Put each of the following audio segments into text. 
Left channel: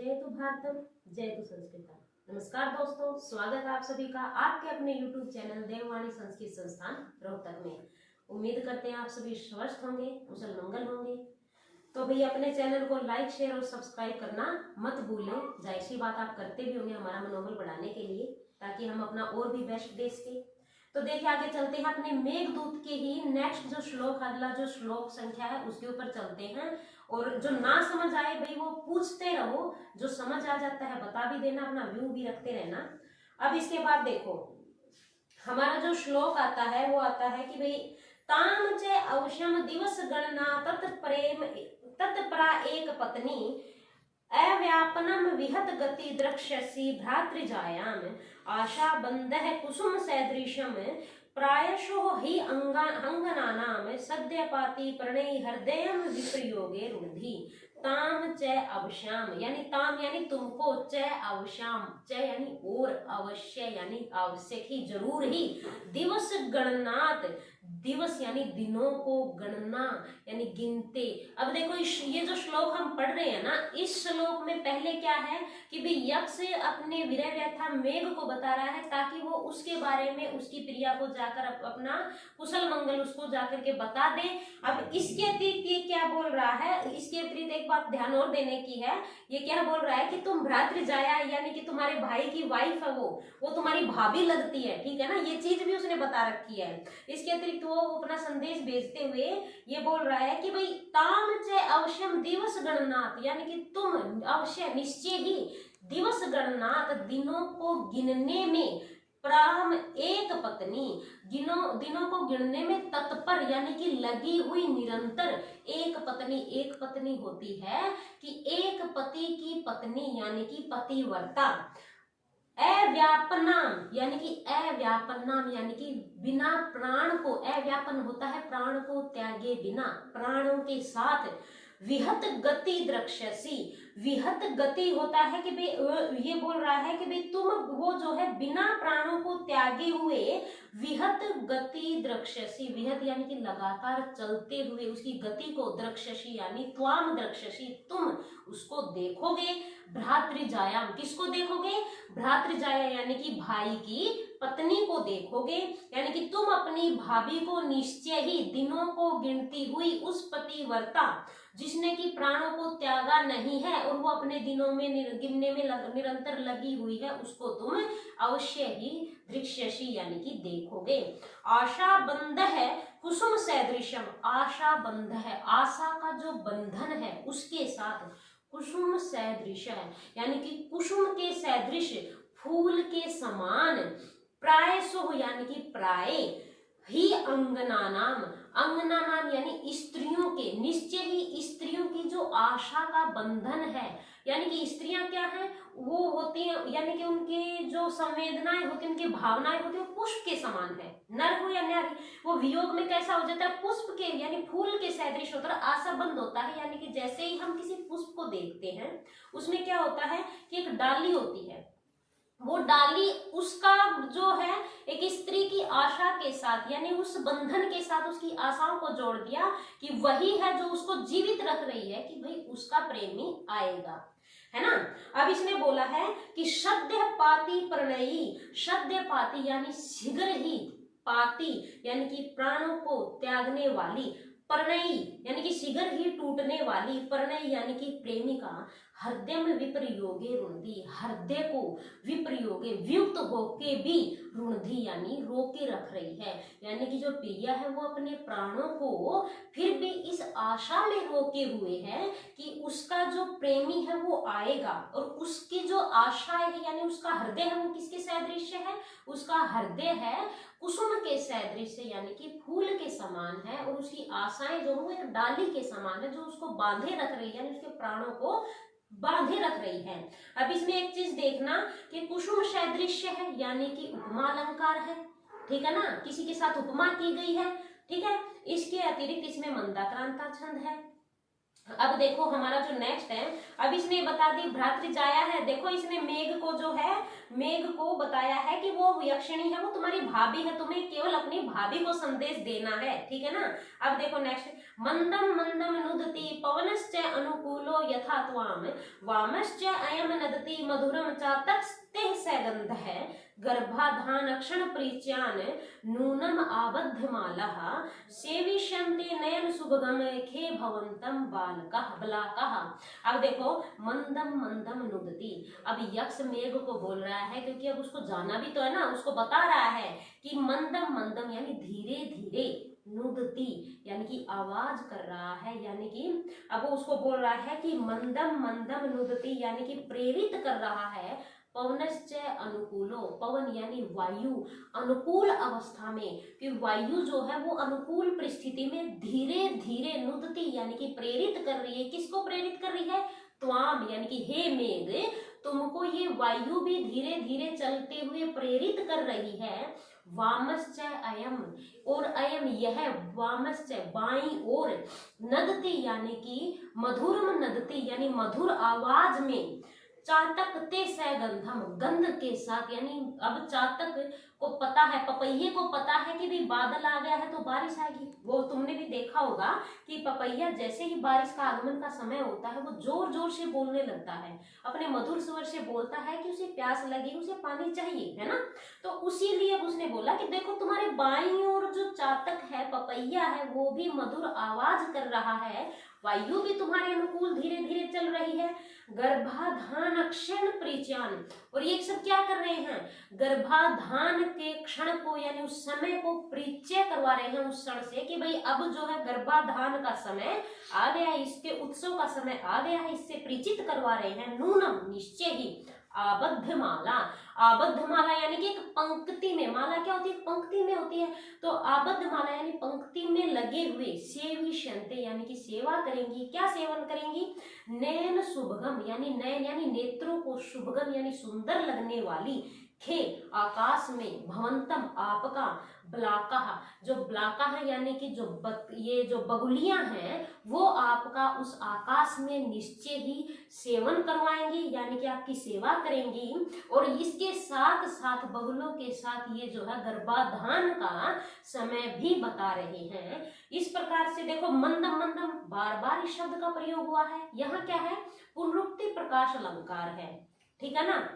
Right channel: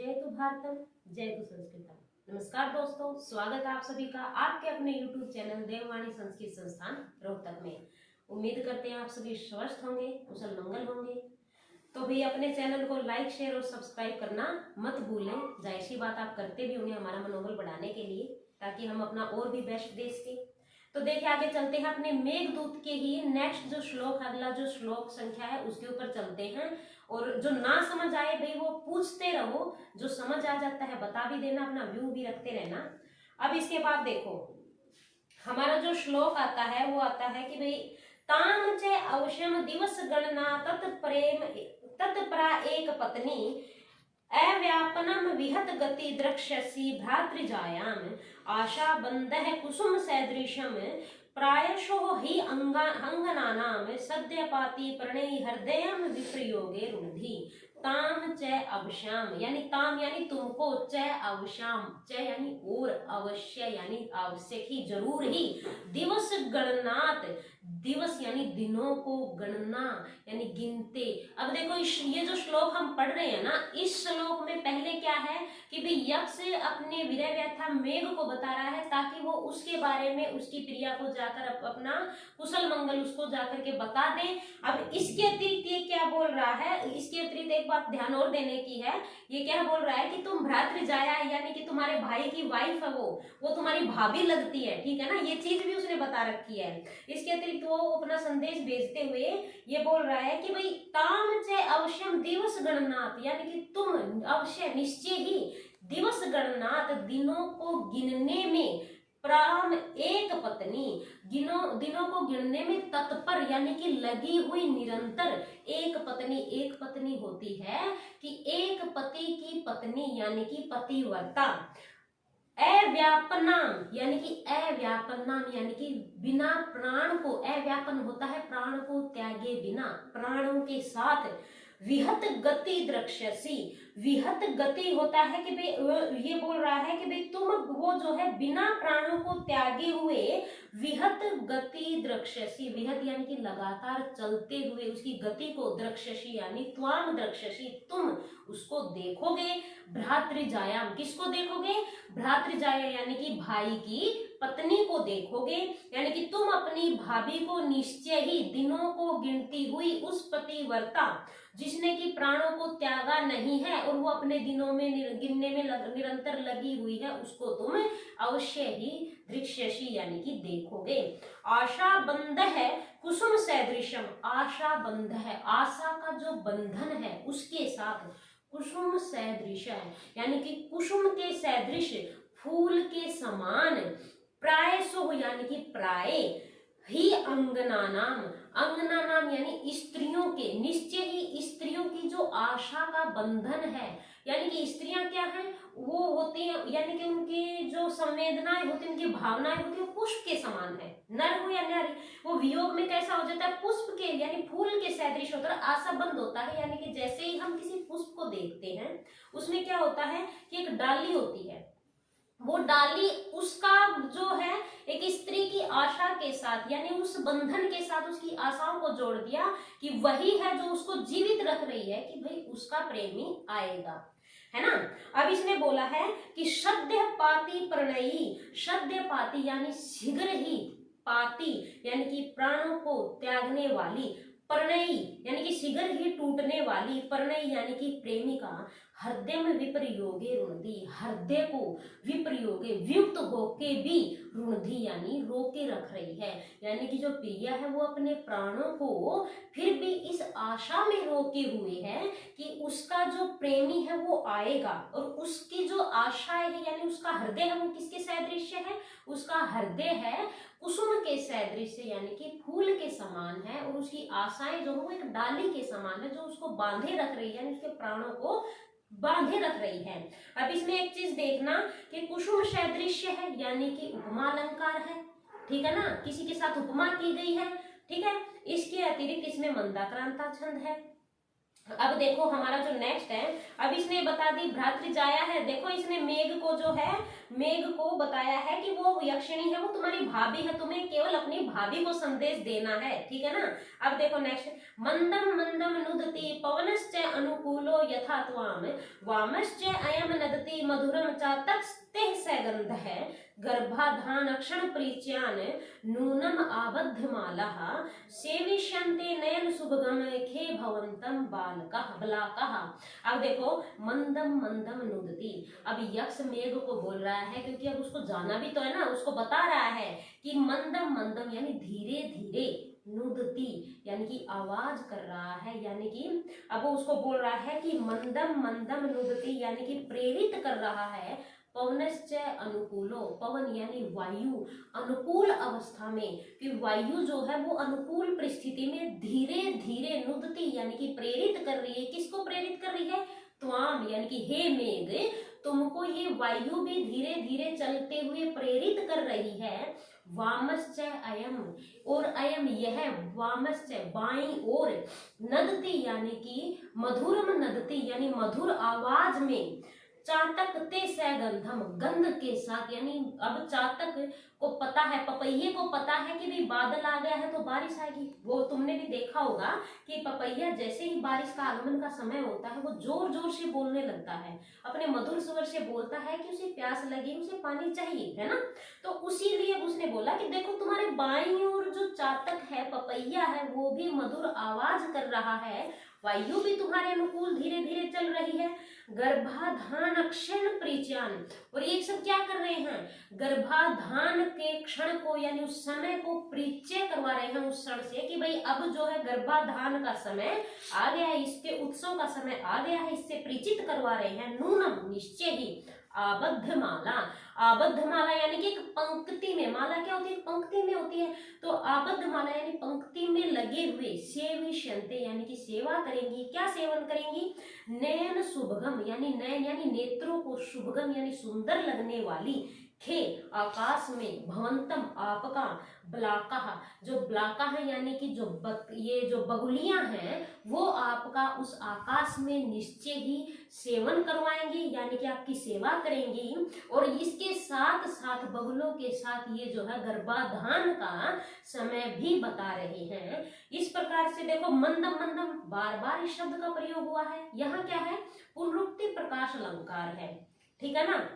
जय तु भारतम, जय तु संस्कृतम। नमस्कार दोस्तों, स्वागत है आप सभी का आपके अपने YouTube चैनल देववाणी संस्कृत संस्थान रोहतक में। उम्मीद करते हैं आप सभी स्वस्थ होंगे, कुशल मंगल होंगे। तो भाई अपने चैनल को लाइक, शेयर और सब्सक्राइब करना मत भूलें। जाहिर सी बात आप करते भी होंगे हमारा मनोबल बढ़ाने के लिए, ताकि हम अपना और भी बेस्ट दे सके। तो देखिए आगे चलते हैं अपने मेघदूत के ही नेक्स्ट जो श्लोक, अगला जो श्लोक संख्या है उसके ऊपर चलते हैं। और जो ना समझ आए भाई वो पूछते रहो, जो समझ आ जाता है बता भी देना, अपना व्यू भी रखते रहना। अब इसके बाद देखो हमारा जो श्लोक आता है वो आता है कि भाई ताम चे अवश्यम दिवस गणना तत्परा एक पत्नी अव्यापनम विहत गति द्रक्ष्यसि भ्रातृजायाम आशा बंधः कुसुम सदृशम प्रायशो ही अंगनानाम सद्यपाति प्रणयी हृदयम विप्रयोगे रुधि ताम च अवश्याम, यानी ताम यानी तुमको, च अवश्याम, च यानी और, अवश्य यानी आवश्यक ही, जरूर ही, दिवस गणनात, दिवस यानी दिनों को, गणना यानी गिनते। अब देखो ये जो श्लोक हम पढ़ रहे हैं ना, इस श्लोक में पहले क्या है कि भाई यक्ष अपने विरह व्यथा मेघ को बता रहा है ताकि वो उसके बारे में, उसकी प्रिया को जाकर अपना कुशल मंगल उसको जाकर के बता दे। अब इसके अतिरिक्त ये क्या बोल रहा है, इसके अतिरिक्त एक बात ध्यान और देने की है। ये क्या बोल रहा है कि तुम भ्रातृजाया यानी कि तुम्हारे भाई की वाइफ है, वो तुम्हारी भाभी लगती है, ठीक है ना, ये चीज भी उसने बता रखी है। इसके अतिरिक्त वो अपना संदेश भेजते हुए ये बोल रहा है कि भाई ताम च अवश्यम दिवस गणनात, यानी कि तुम अवश्य निश्चय ही दिवस गणनात, दिनों को गिनने में, प्राम एक पत्नी, दिनों को गिनने में तत्पर यानी कि लगी हुई, निरंतर, एक पत्नी होती है कि एक पति की पत्नी यानी कि पतिव्रता, अव्यापनाम यानी कि अव्यापनाम यानी कि बिना प्राण को, अव्यापन होता है प्राण को त्यागे बिना, प्राणों के साथ, विहत गति द्रक्ष्यसि, विहत गति होता है कि भाई ये बोल रहा है कि भाई तुम वो जो है बिना प्राणों को त्यागे हुए, विहत गति द्रक्ष्यसि, विहत यानी कि लगातार चलते हुए उसकी गति को, द्रक्ष्यसि यानी त्वाम द्रक्ष्यसि तुम उसको देखोगे, भ्रातृजायाम किसको देखोगे, भ्रातृजाया यानी कि भाई की पत्नी को देखोगे, यानी कि तुम अपनी भाभी को निश्चय ही दिनों को गिनती हुई उस पतिव्रता जिसने कि प्राणों को त्यागा नहीं है और वो अपने दिनों में गिनने में निरंतर लगी हुई है, उसको तुम अवश्य ही दृक्ष्यसि यानी कि देखोगे। आशा बंध है कुसुम सदृशम, आशा बंध है, आशा का जो बंधन है उसके साथ, कुसुम सदृश है यानी कि कुसुम के सदृश, फूल के समान, प्रायसो यानी कि प्राय, ही अंगनानाम, अंगनानाम यानी स्त्रियों के, निश्चय ही स्त्रियों की जो आशा का बंधन है, यानी कि स्त्रियां क्या हैं, वो होती हैं, यानी कि उनके जो संवेदनाएं होती हैं, उनकी भावनाएं होती हैं, पुष्प के समान है, नर हो या नारी, वो वियोग में कैसा हो जाता है, पुष्प के यानी फूल के सदृश होता है, आशा बंद होता है, यानी कि जैसे ही हम किसी पुष्प को देखते हैं उसमें क्या होता है कि एक डाली होती है, वो डाली उसका जो है एक स्त्री की आशा के साथ, यानी उस बंधन के साथ उसकी आशाओं को जोड़ दिया कि वही है जो उसको जीवित रख रही है कि भाई उसका प्रेमी आएगा, है ना। अब इसने बोला है कि सद्य पाती प्रणयी, सद्य पाती यानी शीघ्र ही, पाती यानी कि प्राणों को त्यागने वाली, प्रणयी यानी कि शीघ्र ही टूटने वाली, प्रणयी यानी कि प्रेमिका, हृदय में विप्रयोगे रुणधि, हृदय को विप्रयोगे वियुक्त होके भी, रुणधि यानी रोके रख रही है, यानी कि जो प्रिया है वो अपने प्राणों को फिर भी इस आशा में रोके हुए है कि उसका जो प्रेमी है वो आएगा, और उसकी जो आशाएं है यानी उसका हृदय है वो किसके सदृश है, उसका हृदय है कुसुम के सदृश यानी कि फूल के समान है, और उसकी आशाएं जो है वो एक डाली के समान है जो उसको बांधे रख रही है, यानी उसके प्राणों को बांधे रख रही है। अब इसमें एक चीज देखना कि कुसुम सदृश्य है यानी कि उपमा अलंकार है, ठीक है ना, किसी के साथ उपमा की गई है, ठीक है। इसके अतिरिक्त इसमें मंदाक्रांता छंद है। अब देखो हमारा जो नेक्स्ट है, अब इसने बता दी भ्रातृजाया है, देखो इसने मेघ को जो है, मेघ को बताया है कि वो यक्षिणी है, वो तुम्हारी भाभी है, तुम्हें केवल अपनी भाभी को संदेश देना है, ठीक है ना। अब देखो नेक्स्ट, मंदम मंदम नुदति पवनश्च अनुकूलो यथा त्वाम वामश्च अयम नदति मधुरम चातस्ते सगंधः गर्भाधान क्षण प्रीच्यान नूनम आबद्ध मालः सेविष्यन्ते नयन सुभगम खे भवन्तम बालकः बलाकः। अब देखो मंदम मंदम नुदति, अब यक्ष मेघ को बोल रहा है क्योंकि अब उसको जाना भी तो है ना, उसको बता रहा है कि मंदम मंदम यानी धीरे धीरे, नुदति यानी कि आवाज कर रहा है, यानी कि अब वो उसको बोल रहा है कि मंदम मंदम नुदति यानी कि प्रेरित कर रहा है। पवनश्च अनुकूलो, पवन यानी वायु, अनुकूल अवस्था में, कि वायु जो है वो अनुकूल परिस्थिति में धीरे धीरे नुदति यानी कि प्रेरित कर रही है। किसको प्रेरित कर रही है? त्वाम यानी कि हे मेघ, तुमको ये वायु भी धीरे धीरे चलते हुए प्रेरित कर रही है। वामश्च अयम, और अयम यह, वामश्च बाईं ओर, नदति यानी कि मधुरम नदति यानी मधुर आवाज में, चातक ते सगंधम गंध के साथ, यानी अब चातक को पता है, पपैये को पता है कि भाई बादल आ गया है तो बारिश आएगी। वो तुमने भी देखा होगा कि पपैया जैसे ही बारिश का आगमन का समय होता है वो जोर जोर से बोलने लगता है, अपने मधुर स्वर से बोलता है कि उसे प्यास लगी, उसे पानी चाहिए, है ना। तो उसीलिए उसने बोला कि देखो तुम्हारे बाईं ओर जो चातक है, पपैया है, वो भी मधुर आवाज कर रहा है, वायु भी तुम्हारे अनुकूल धीरे धीरे चल रही है। गर्भाधान क्षण प्रीच्यान, और ये सब क्या कर रहे हैं? गर्भाधान के क्षण को यानी उस समय को परिचय करवा रहे हैं उस क्षण से कि भाई अब जो है गर्भाधान का समय आ गया है, इसके उत्सव का समय आ गया है, इससे परिचित करवा रहे हैं। नूनम निश्चय ही, आबद्ध माला, आबद्ध माला यानी कि एक पंक्ति में, माला क्या होती है? पंक्ति में होती है, तो आबद्ध माला यानी पंक्ति में लगे हुए, सेविष्यन्ते यानी कि सेवा करेंगी। क्या सेवन करेंगी? नयन शुभगम यानी नयन यानी नेत्रों को, शुभगम यानी सुंदर लगने वाली, खे आकाश में, भवंतम आपका, ब्लाका जो ब्लाका है यानी कि जो ये जो बगुलियां हैं वो आपका उस आकाश में निश्चय ही सेवन करवाएंगी, यानी कि आपकी सेवा करेंगी। और इसके साथ साथ बगुलों के साथ ये जो है गर्भाधान का समय भी बता रहे हैं। इस प्रकार से देखो मंदम मंदम बार बार इस शब्द का प्रयोग हुआ है। यहाँ क्या है? पुनरुक्ति प्रकाश अलंकार है, ठीक है ना।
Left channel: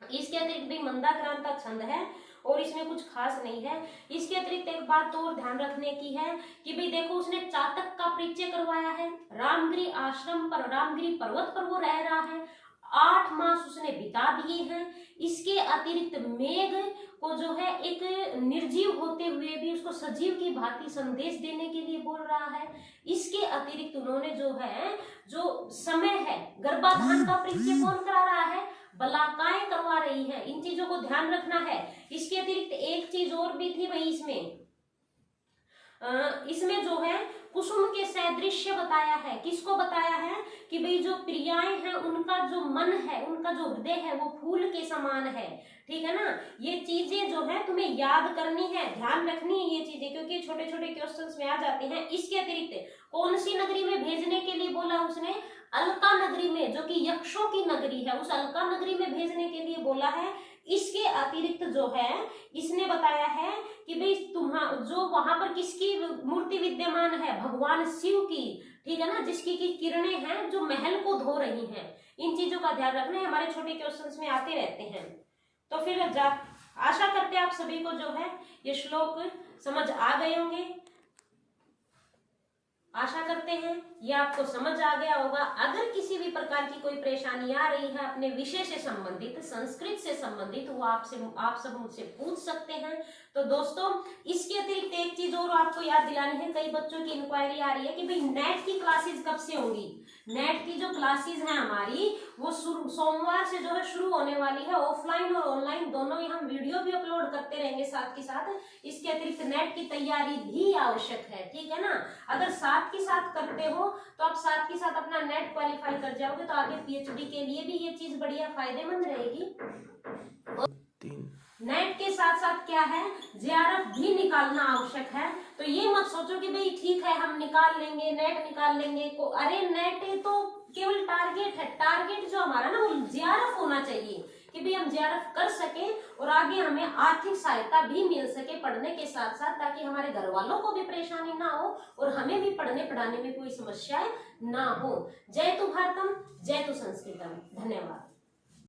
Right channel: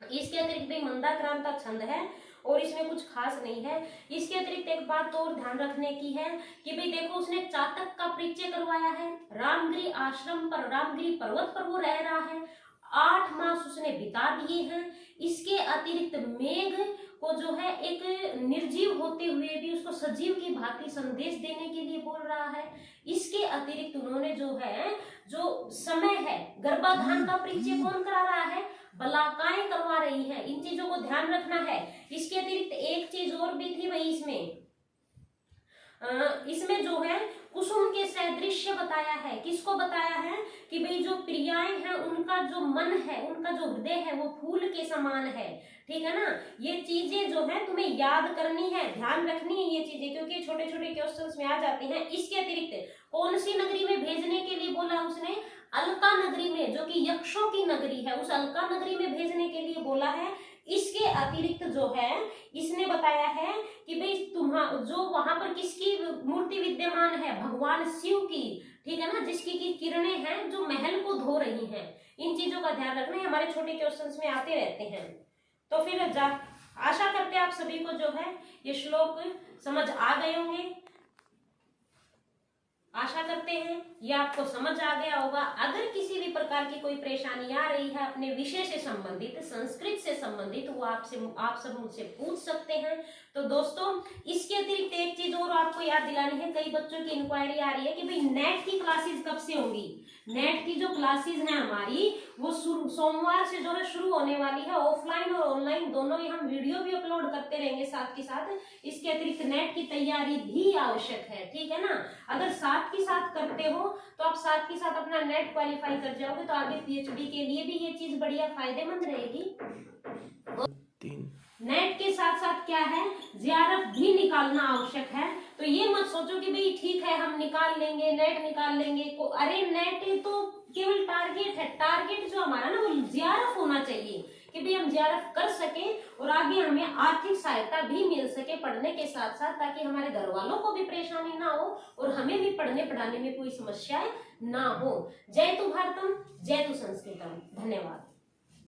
इसके अतिरिक्त भी मंदाक्रांता छंद है और इसमें कुछ खास नहीं है। इसके अतिरिक्त एक बात और ध्यान रखने की है कि भाई देखो उसने चातक का परिचय करवाया है, रामगिरी आश्रम पर, रामगिरी पर्वत पर वो रह रहा है, 8 मास उसने बिता दिए हैं। इसके अतिरिक्त मेघ को जो है एक निर्जीव होते हुए भी उसको सजीव की भांति संदेश देने के लिए बोल रहा है। इसके अतिरिक्त उन्होंने जो है, जो समय है, गर्भाधान का परिचय कौन करा रहा है? बलाकाएं करवा रही हैं। इन चीजों को ध्यान रखना है। इसके अतिरिक्त एक चीज और भी थी भाई, इसमें जो है कुसुम के सदृश्य बताया है। किसको बताया है? कि भाई जो प्रियाएं हैं उनका जो मन है, उनका जो हृदय है वो फूल के समान है, ठीक है ना। ये चीजें जो है तुम्हें याद करनी है, ध्यान रखनी है ये चीजें, क्योंकि छोटे छोटे क्वेश्चंस में आ जाती हैं। इसके अतिरिक्त कौन सी नगरी में भेजने के लिए बोला उसने? अलका नगरी में, जो कि यक्षों की नगरी है, उस अलका नगरी में भेजने के लिए बोला है। इसके अतिरिक्त जो है इसने बताया है कि भाई जो वहां पर किसकी मूर्ति विद्यमान है? भगवान शिव की, ठीक है ना, जिसकी की किरणें हैं जो महल को धो रही हैं। इन चीजों का ध्यान रखना है, हमारे छोटे क्वेश्चंस में आते रहते हैं। तो फिर आशा करते हैं आप सभी को जो है ये श्लोक समझ आ गए होंगे, आशा करते हैं ये आपको समझ आ गया होगा। अगर किसी भी प्रकार की कोई परेशानी आ रही है अपने विषय से संबंधित, संस्कृत से संबंधित, वो आप सब मुझसे पूछ सकते हैं। तो दोस्तों इसके अतिरिक्त एक चीज और आपको याद दिलानी है, कई बच्चों की इंक्वायरी आ रही है कि भाई नेट की क्लासेस कब से होंगी। नेट की जो क्लासेस हैं हमारी वो सोमवार से जो है शुरू होने वाली है, ऑफलाइन और ऑनलाइन दोनों ही। हम वीडियो भी अपलोड करते रहेंगे साथ के साथ। इसके अतिरिक्त नेट की तैयारी भी आवश्यक है, ठीक है ना। अगर साथ के साथ करते हो तो आप साथ के साथ अपना नेट क्वालिफाई कर जाओगे, तो आगे पीएचडी के लिए भी ये चीज बढ़िया फायदेमंद रहेगी। नेट के साथ साथ क्या है, जेआरएफ भी निकालना आवश्यक है। तो ये मत सोचो कि भाई ठीक है हम निकाल लेंगे, नेट निकाल लेंगे। अरे नेट तो केवल टारगेट है, टारगेट जो हमारा ना वो जेआरएफ होना चाहिए, कि कि भी हम जेआरएफ कर सके और आगे हमें आर्थिक सहायता भी मिल सके पढ़ने के साथ साथ, ताकि हमारे घर वालों को भी परेशानी ना हो और हमें भी पढ़ने पढ़ाने में कोई समस्याएं ना हो। जय तु भारतम, जय तु संस्कृतम। धन्यवाद।